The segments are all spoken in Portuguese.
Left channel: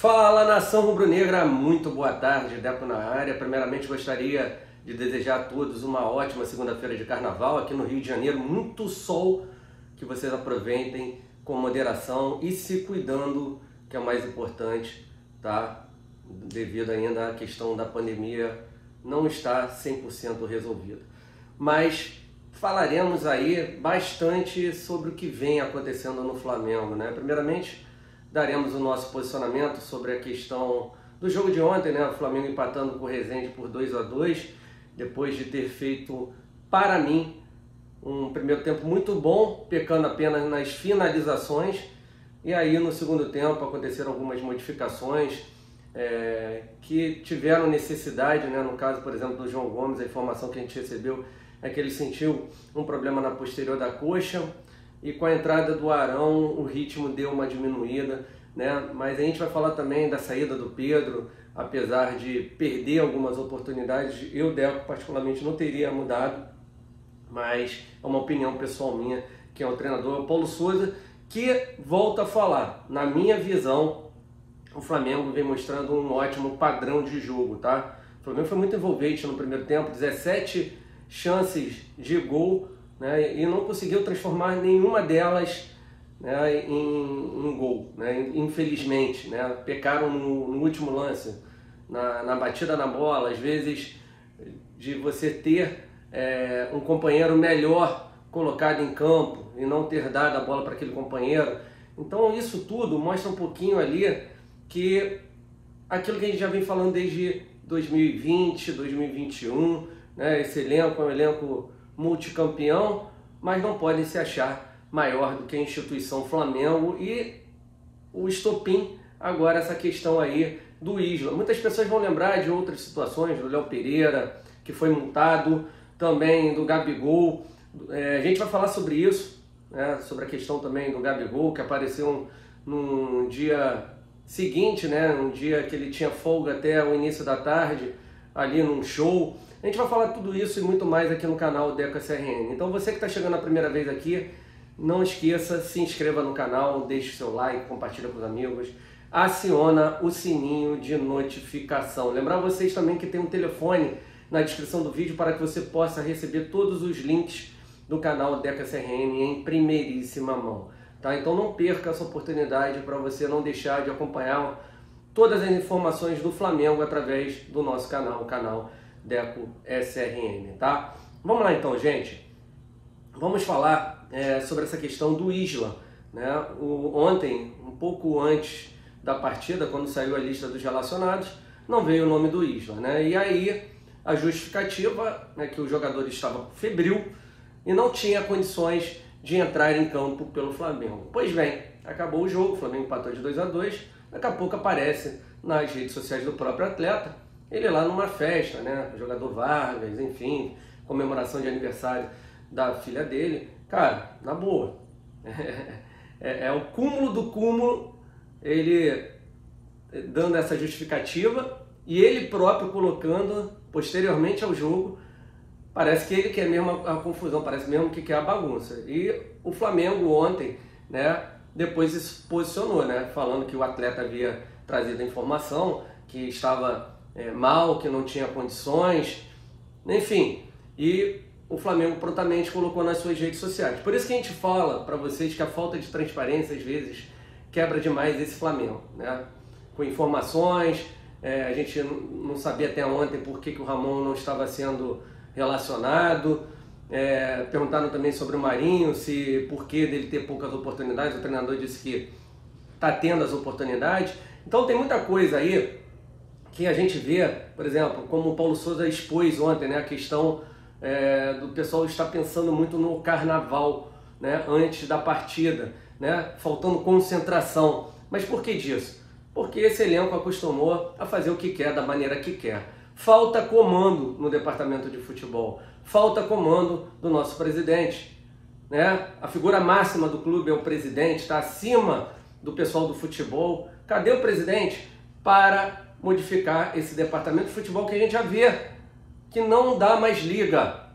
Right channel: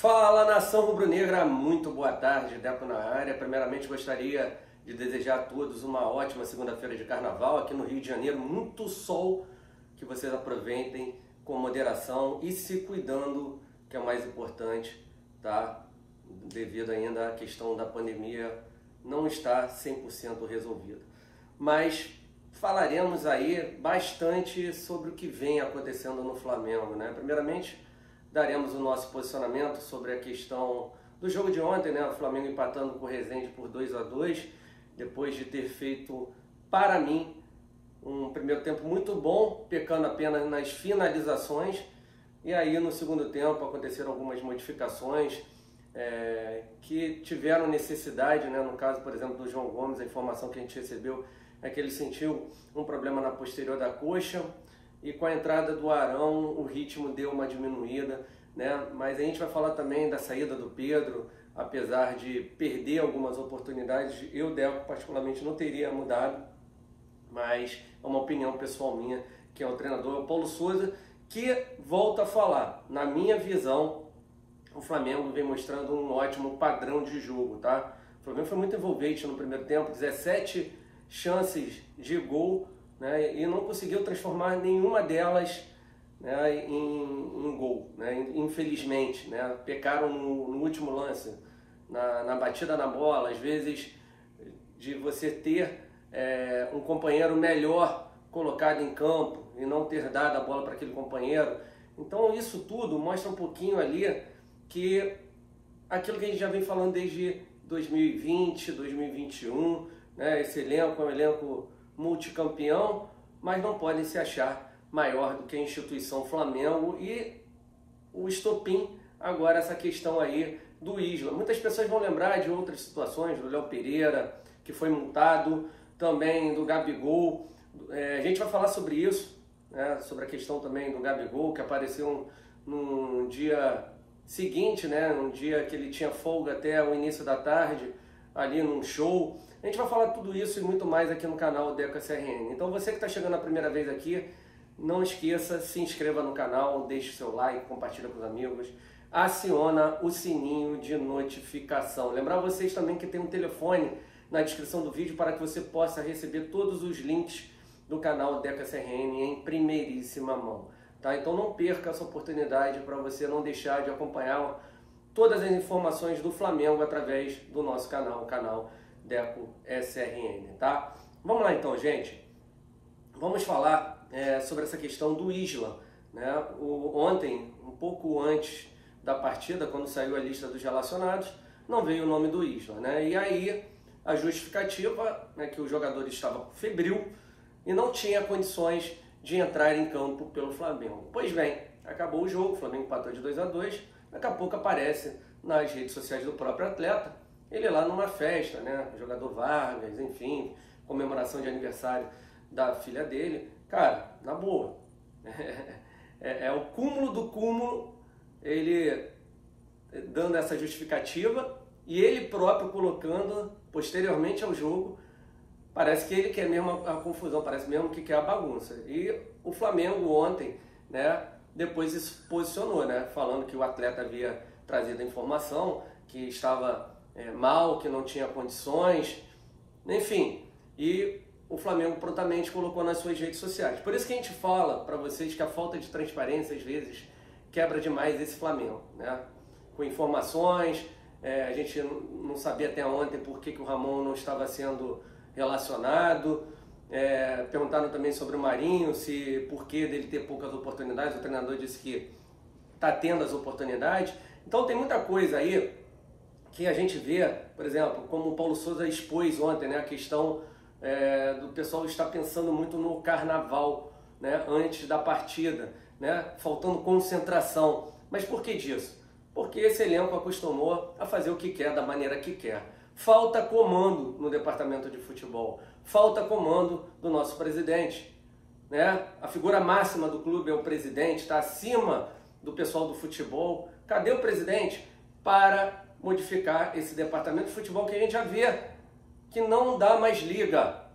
Fala, nação rubro-negra, muito boa tarde, Deco na área. Primeiramente gostaria de desejar a todos uma ótima segunda-feira de carnaval aqui no Rio de Janeiro, muito sol, que vocês aproveitem com moderação e se cuidando, que é o mais importante, tá? Devido ainda à questão da pandemia não está 100% resolvida. Mas falaremos aí bastante sobre o que vem acontecendo no Flamengo, né? Primeiramente, daremos o nosso posicionamento sobre a questão do jogo de ontem, né? O Flamengo empatando com o Resende por 2-2, depois de ter feito, para mim, um primeiro tempo muito bom, pecando apenas nas finalizações. E aí no segundo tempo aconteceram algumas modificações que tiveram necessidade, né? No caso, por exemplo, do João Gomes, a informação que a gente recebeu é que ele sentiu um problema na posterior da coxa, e com a entrada do Arão o ritmo deu uma diminuída, né? Mas a gente vai falar também da saída do Pedro, apesar de perder algumas oportunidades, eu, Deco, particularmente não teria mudado, mas é uma opinião pessoal minha, que é o treinador Paulo Souza, que volta a falar, na minha visão, o Flamengo vem mostrando um ótimo padrão de jogo, tá? O Flamengo foi muito envolvente no primeiro tempo, 17 chances de gol, né, e não conseguiu transformar nenhuma delas, né, em gol, né, infelizmente, né, pecaram no último lance, na batida na bola, às vezes de você ter um companheiro melhor colocado em campo e não ter dado a bola para aquele companheiro. Então isso tudo mostra um pouquinho ali que aquilo que a gente já vem falando desde 2020, 2021, né, esse elenco é um elenco multicampeão, mas não pode se achar maior do que a instituição Flamengo. E o estopim agora essa questão aí do Isla. Muitas pessoas vão lembrar de outras situações, do Léo Pereira, que foi multado, também do Gabigol. A gente vai falar sobre isso, né, sobre a questão também do Gabigol, que apareceu num dia seguinte, né, um dia que ele tinha folga até o início da tarde, ali num show. A gente vai falar tudo isso e muito mais aqui no canal Deco SRN. Então você que está chegando a primeira vez aqui, não esqueça, se inscreva no canal, deixe o seu like, compartilha com os amigos, aciona o sininho de notificação. Lembrar vocês também que tem um telefone na descrição do vídeo para que você possa receber todos os links do canal Deco SRN em primeiríssima mão. Tá? Então não perca essa oportunidade para você não deixar de acompanhar todas as informações do Flamengo através do nosso canal, o canal Deco SRN, tá? Vamos lá então, gente. Vamos falar sobre essa questão do Isla, né? Ontem, um pouco antes da partida, quando saiu a lista dos relacionados, não veio o nome do Isla, né? E aí a justificativa é que o jogador estava febril e não tinha condições de entrar em campo pelo Flamengo. Pois bem, acabou o jogo, o Flamengo empatou de 2-2, daqui a pouco aparece nas redes sociais do próprio atleta, ele lá numa festa, né, o jogador Vargas, enfim, comemoração de aniversário da filha dele. Cara, na boa, é o cúmulo do cúmulo, ele dando essa justificativa e ele próprio colocando, posteriormente ao jogo, parece que ele quer mesmo a confusão, parece mesmo que quer a bagunça. E o Flamengo ontem, né, depois se posicionou, né, falando que o atleta havia trazido a informação, que estava mal, que não tinha condições, enfim. E o Flamengo prontamente colocou nas suas redes sociais. Por isso que a gente fala para vocês que a falta de transparência, às vezes, quebra demais esse Flamengo, né? Com informações, a gente não sabia até ontem por que o Ramon não estava sendo relacionado. Perguntaram também sobre o Marinho, por que dele ter poucas oportunidades. O treinador disse que está tendo as oportunidades. Então tem muita coisa aí que a gente vê, por exemplo, como o Paulo Souza expôs ontem, né, a questão do pessoal estar pensando muito no carnaval, né, antes da partida, né, faltando concentração. Mas por que disso? Porque esse elenco acostumou a fazer o que quer, da maneira que quer. Falta comando no departamento de futebol, falta comando do nosso presidente, né? A figura máxima do clube é o presidente, está acima do pessoal do futebol. Cadê o presidente para modificar esse departamento de futebol que a gente já vê que não dá mais liga,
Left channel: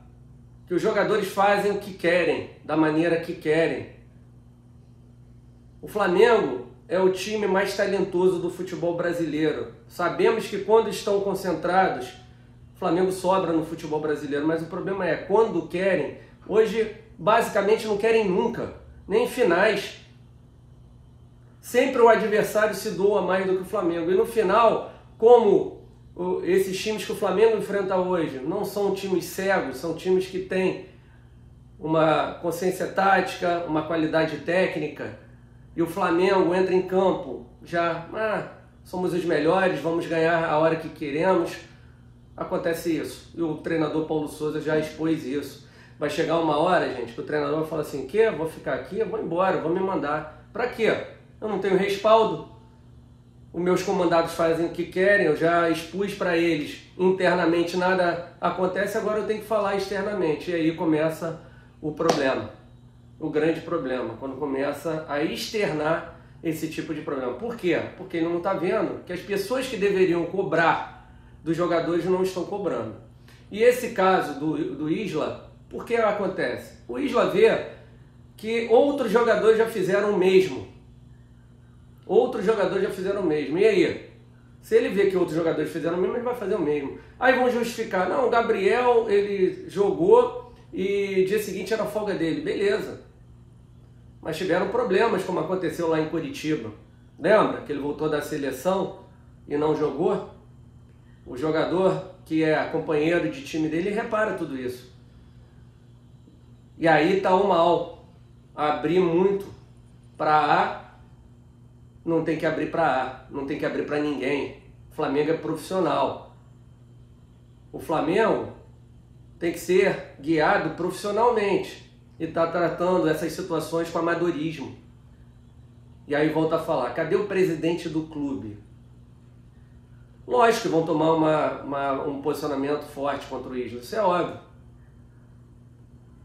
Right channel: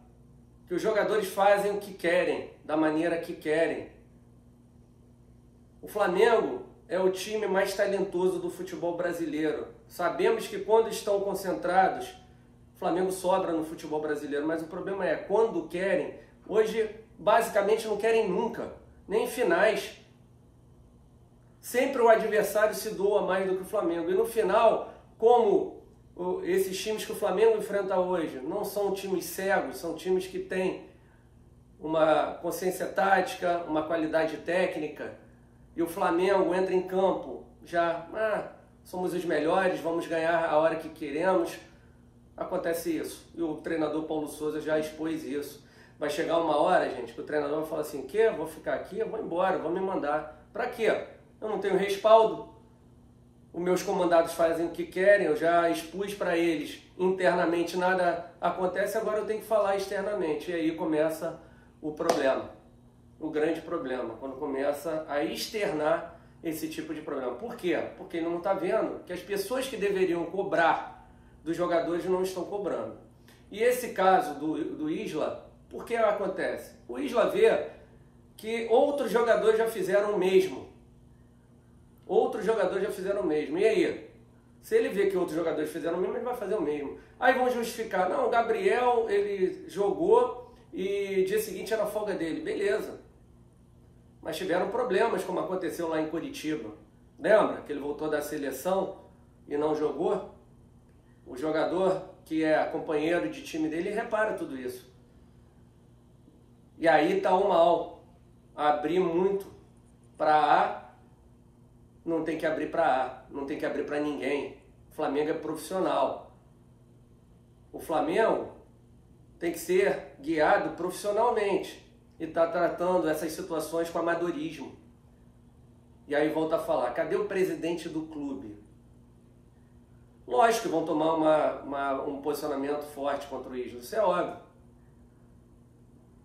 que os jogadores fazem o que querem, da maneira que querem? O Flamengo é o time mais talentoso do futebol brasileiro. Sabemos que quando estão concentrados, o Flamengo sobra no futebol brasileiro, mas o problema é, quando querem, hoje basicamente não querem nunca, nem em finais. Sempre o adversário se doa mais do que o Flamengo. E no final, como esses times que o Flamengo enfrenta hoje não são times cegos, são times que têm uma consciência tática, uma qualidade técnica, e o Flamengo entra em campo já, somos os melhores, vamos ganhar a hora que queremos, acontece isso. E o treinador Paulo Souza já expôs isso. Vai chegar uma hora, gente, que o treinador vai falar assim, vou ficar aqui, eu vou embora, vou me mandar. Pra quê? Eu não tenho respaldo. Os meus comandados fazem o que querem, eu já expus para eles internamente, nada acontece, agora eu tenho que falar externamente. E aí começa o problema, o grande problema, quando começa a externar esse tipo de problema. Por quê? Porque ele não está vendo que as pessoas que deveriam cobrar dos jogadores não estão cobrando. E esse caso do Isla, por que acontece? O Isla vê que outros jogadores já fizeram o mesmo. Outros jogadores já fizeram o mesmo. E aí? Se ele vê que outros jogadores fizeram o mesmo, ele vai fazer o mesmo. Aí vão justificar. Não, o Gabriel, ele jogou e dia seguinte era a folga dele. Beleza. Mas tiveram problemas, como aconteceu lá em Curitiba. Lembra que ele voltou da seleção e não jogou? O jogador que é companheiro de time dele repara tudo isso. E aí tá o mal. Abrir muito para A, não tem que abrir para A, não tem que abrir para ninguém. O Flamengo é profissional. O Flamengo tem que ser guiado profissionalmente e está tratando essas situações com amadorismo. E aí volta a falar, cadê o presidente do clube? Lógico que vão tomar um posicionamento forte contra o Isla, isso é óbvio.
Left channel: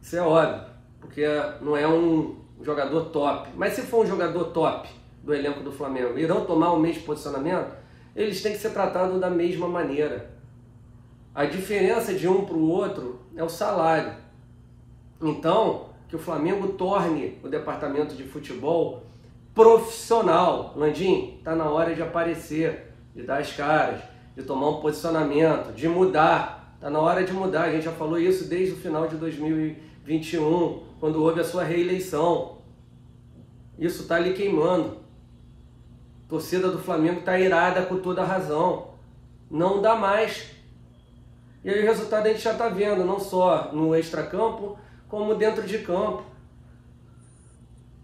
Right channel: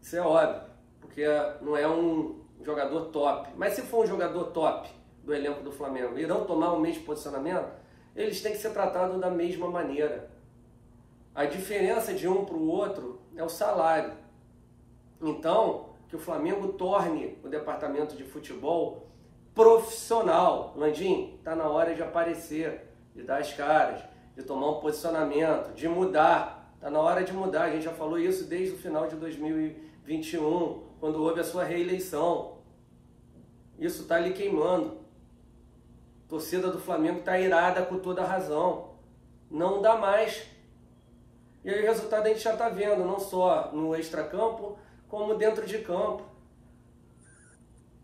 Isso é óbvio, porque não é um jogador top. Mas se for um jogador top do elenco do Flamengo, irão tomar o mesmo posicionamento, eles têm que ser tratados da mesma maneira. A diferença de um para o outro é o salário. Então, que o Flamengo torne o departamento de futebol profissional. Landim, está na hora de aparecer, de dar as caras, de tomar um posicionamento, de mudar. Está na hora de mudar. A gente já falou isso desde o final de 2021, quando houve a sua reeleição. Isso está ali queimando. A torcida do Flamengo está irada com toda a razão. Não dá mais. E aí o resultado a gente já está vendo, não só no extracampo, como dentro de campo.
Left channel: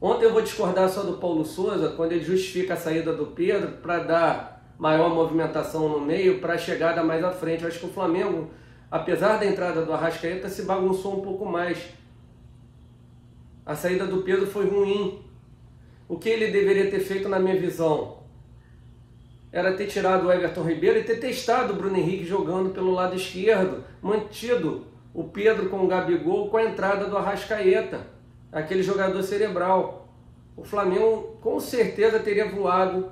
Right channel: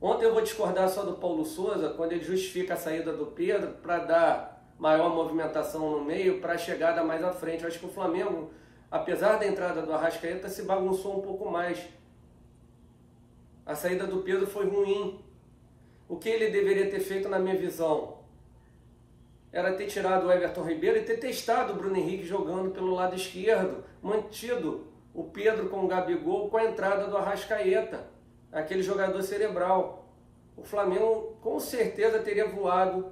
Ontem eu vou discordar só do Paulo Souza, quando ele justifica a saída do Pedro para dar maior movimentação no meio, para a chegada mais à frente. Eu acho que o Flamengo, apesar da entrada do Arrascaeta, se bagunçou um pouco mais. A saída do Pedro foi ruim. O que ele deveria ter feito, na minha visão, era ter tirado o Everton Ribeiro e ter testado o Bruno Henrique jogando pelo lado esquerdo, mantido o Pedro com o Gabigol com a entrada do Arrascaeta, aquele jogador cerebral. O Flamengo com certeza teria voado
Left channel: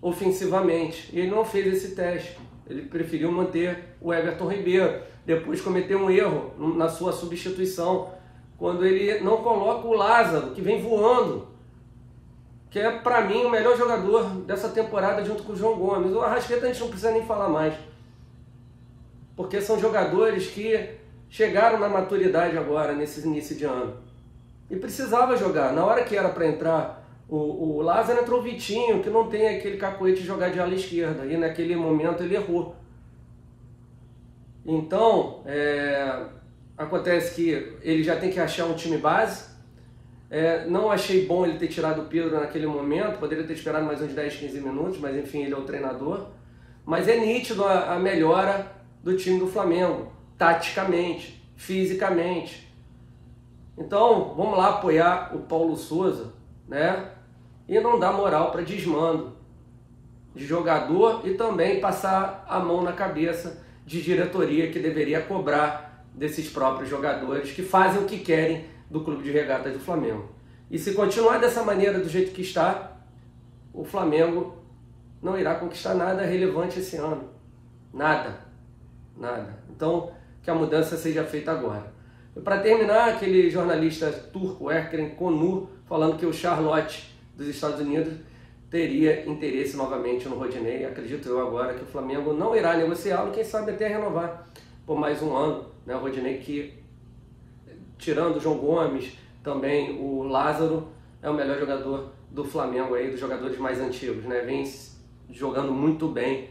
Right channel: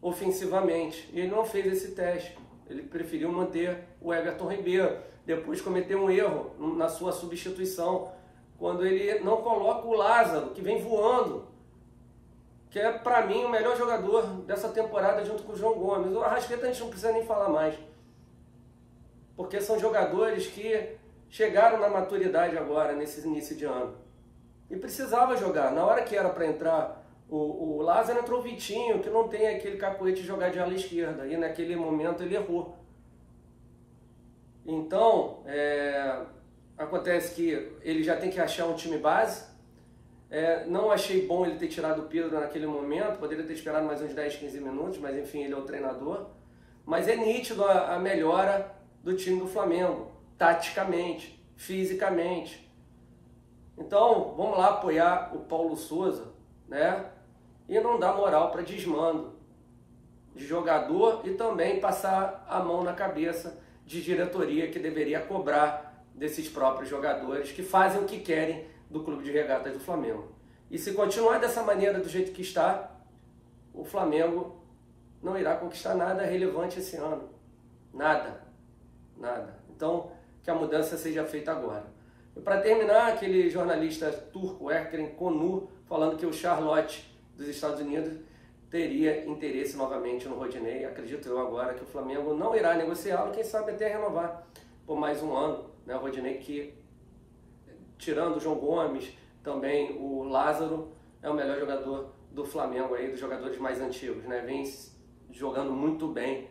ofensivamente, e ele não fez esse teste. Ele preferiu manter o Everton Ribeiro. Depois cometeu um erro na sua substituição, quando ele não coloca o Lázaro, que vem voando, que é, para mim, o melhor jogador dessa temporada junto com o João Gomes. O Arrascaeta a gente não precisa nem falar mais, porque são jogadores que chegaram na maturidade agora, nesse início de ano, e precisava jogar. Na hora que era para entrar o Lázaro, entrou o Vitinho, que não tem aquele cacoete de jogar de ala esquerda, e naquele momento ele errou. Então, acontece que ele já tem que achar um time base. Não achei bom ele ter tirado o Pedro naquele momento, poderia ter esperado mais uns 10, 15 minutos, mas enfim, ele é o treinador. Mas é nítido a melhora do time do Flamengo, taticamente, fisicamente. Então, vamos lá apoiar o Paulo Souza, né? E não dar moral para desmando de jogador e também passar a mão na cabeça de diretoria que deveria cobrar desses próprios jogadores que fazem o que querem do Clube de Regatas do Flamengo. E se continuar dessa maneira, do jeito que está, o Flamengo não irá conquistar nada relevante esse ano. Nada. Nada. Então, que a mudança seja feita agora. E para terminar, aquele jornalista turco, Erken Konu, falando que o Charlotte dos Estados Unidos teria interesse novamente no Rodinei. Acredito eu agora que o Flamengo não irá negociá-lo, quem sabe até renovar por mais um ano, né? O Rodinei que, tirando o João Gomes, também o Lázaro, é o melhor jogador do Flamengo aí, dos jogadores mais antigos, né? Vem jogando muito bem,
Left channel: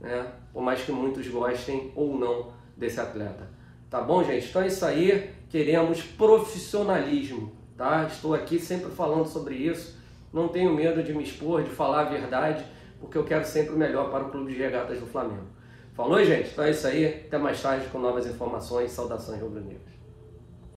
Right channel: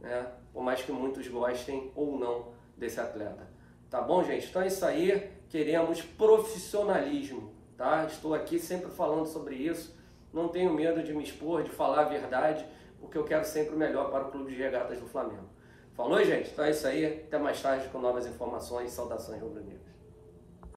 né? Por mais que muitos gostem ou não desse atleta. Tá bom, gente? Então é isso aí. Queremos profissionalismo, tá? Estou aqui sempre falando sobre isso. Não tenho medo de me expor, de falar a verdade, porque eu quero sempre o melhor para o Clube de Regatas do Flamengo. Falou, gente? Então é isso aí. Até mais tarde com novas informações. Saudações rubro-negras.